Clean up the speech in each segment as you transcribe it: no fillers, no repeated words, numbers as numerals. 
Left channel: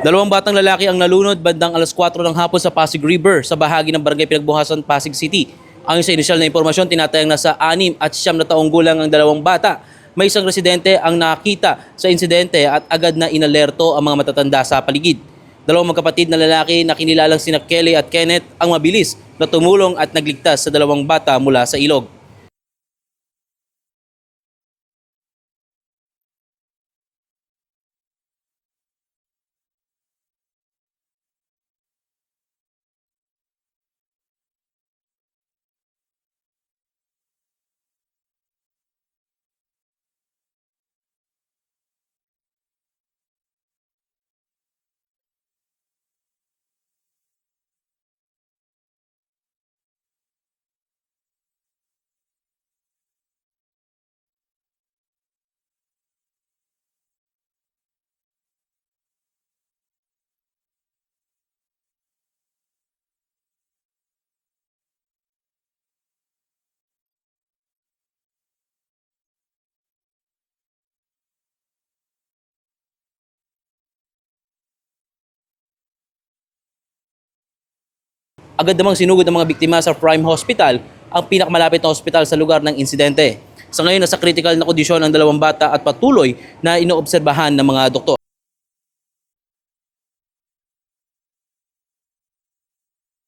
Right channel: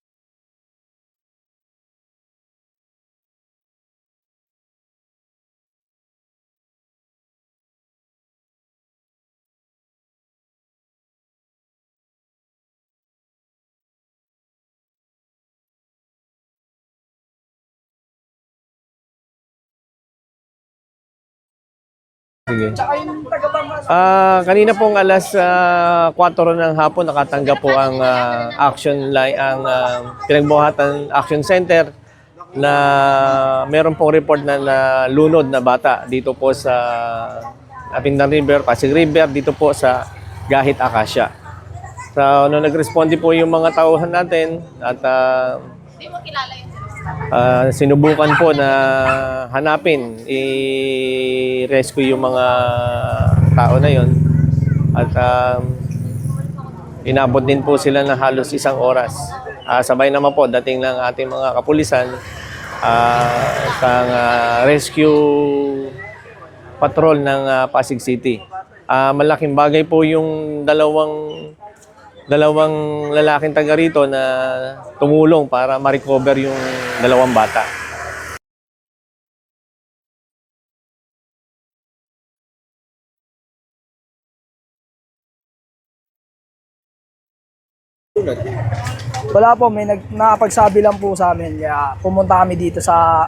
Dalawang batang lalaki ang nalunod bandang alas 4 ng hapon sa Pasig River sa bahagi ng Barangay Pinagbuhasan, Pasig City. Ayon sa inisyal na impormasyon, tinatayang nasa 6 at 9 na taong gulang ang dalawang bata. May isang residente ang nakita sa insidente at agad na inalerto ang mga matatanda sa paligid. Dalawang magkapatid na lalaki na kinilalang sina Kelly at Kenneth ang mabilis na tumulong at nagligtas sa dalawang bata mula sa ilog. Sige. Kanina pong alas 4 ng hapon nakatanggap po ang action line ang Pinagbuhatan Action Center na meron pong report na nalunod na bata dito po sa Apindan River, Pasig River, dito po sa Gahit Acacia. So, nung nag-responde po yung mga tauhan natin at sinubukan po na hanapin, i-rescue yung mga tao na yon at inabot din po sila na halos 1 oras. Sabay naman po dating ng ating mga kapulisan at rescue patrol ng Pasig City. Malaking bagay po yung dalawang lalaking taga rito na tumulong para ma-recover yung dalawang bata. Agad namang sinugod ng mga biktima sa Prime Hospital, ang pinakamalapit na hospital sa lugar ng insidente. Sa ngayon, nasa critical na kondisyon ang dalawang bata at patuloy na inoobserbahan ng mga doktor. Wala po, may nakapagsabi lang po sa amin. Kaya pumunta kami dito sa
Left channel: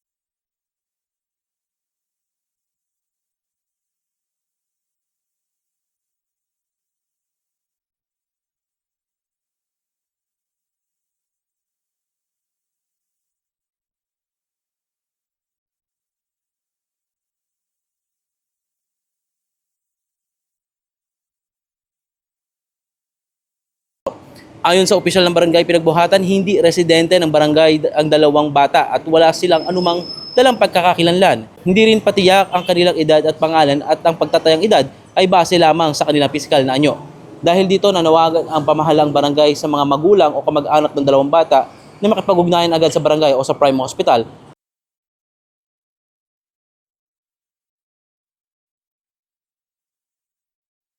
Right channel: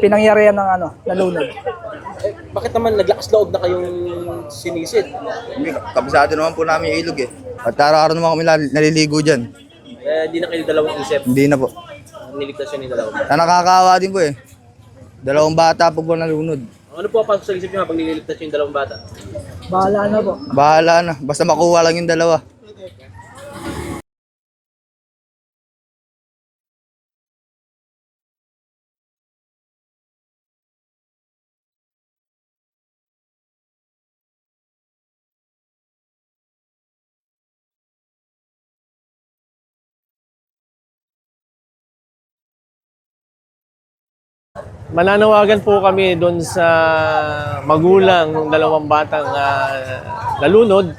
pinangyarihan ng nalunod. Bakit naman naglakas loob na kayong sinisid? Kabisado naman po namin yung ilog eh. At araw-araw naman kami naliligo dyan. Hindi na kayo dalawang isip. Hindi na po. Niligtas yun yung dalawang. Na nakakaawa din po eh. Dalawang bata po po nalunod. Ano po ang sa isip nyo habang nililigtas yung dalawang bata? Bahala na po. Bahala na. Basta makuha lang yung dalawa. Ayon sa opisyal ng barangay Pinagbuhatan, hindi residente ng barangay ang dalawang bata at wala silang anumang dalang pagkakakilanlan. Hindi rin patiyak ang kanilang edad at pangalan at ang pagtatayang edad ay base lamang sa kanilang pisikal na anyo. Dahil dito nanawagan ang pamahalang barangay sa mga magulang o kamag-anak ng dalawang bata na makipag-ugnayan agad sa barangay o sa Prime Hospital. Mananawagan po kami doon sa magulang ng dalawang batang nalunod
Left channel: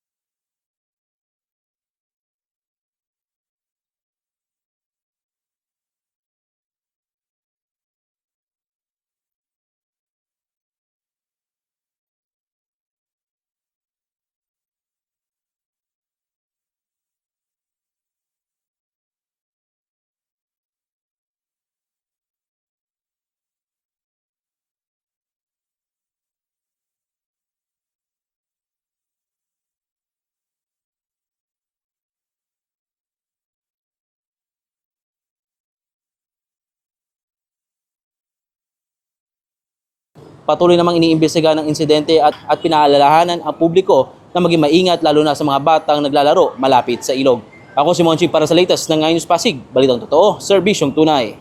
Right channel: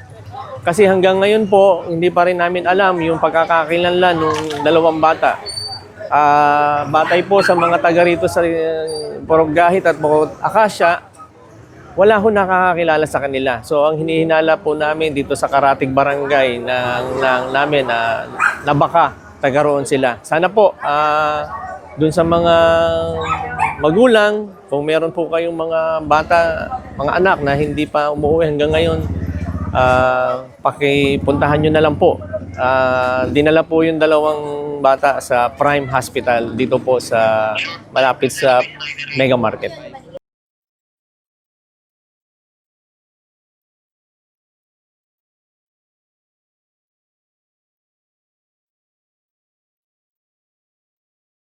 kasi hanggang ngayon po hindi pa rin namin alam yung pagkakakilanlan ng dalawang bata. Batay po sa mga taga rito sa Purok Gahit at Purok Acacia, wala ho nakakakilala sa kanila. So ang hinihinala po namin dito sa Karatig Barangay namin na baka taga roon sila. Sana po dun sa mga magulang, kung meron po kayong mga bata, mga anak na hindi pa umuwi hanggang ngayon, pakipuntahan nyo na lang po. Dinala po yung dalawang bata sa Prime Hospital dito po sa malapit sa Mega Market. Patuloy namang iniimbestiga ng insidente at pinaalalahanan ang publiko na maging maingat lalo na sa mga batang naglalaro malapit sa ilog. Ako si Monching para sa latest ng Ngayon News Pasig. Balitang totoo, serbisyong tunay.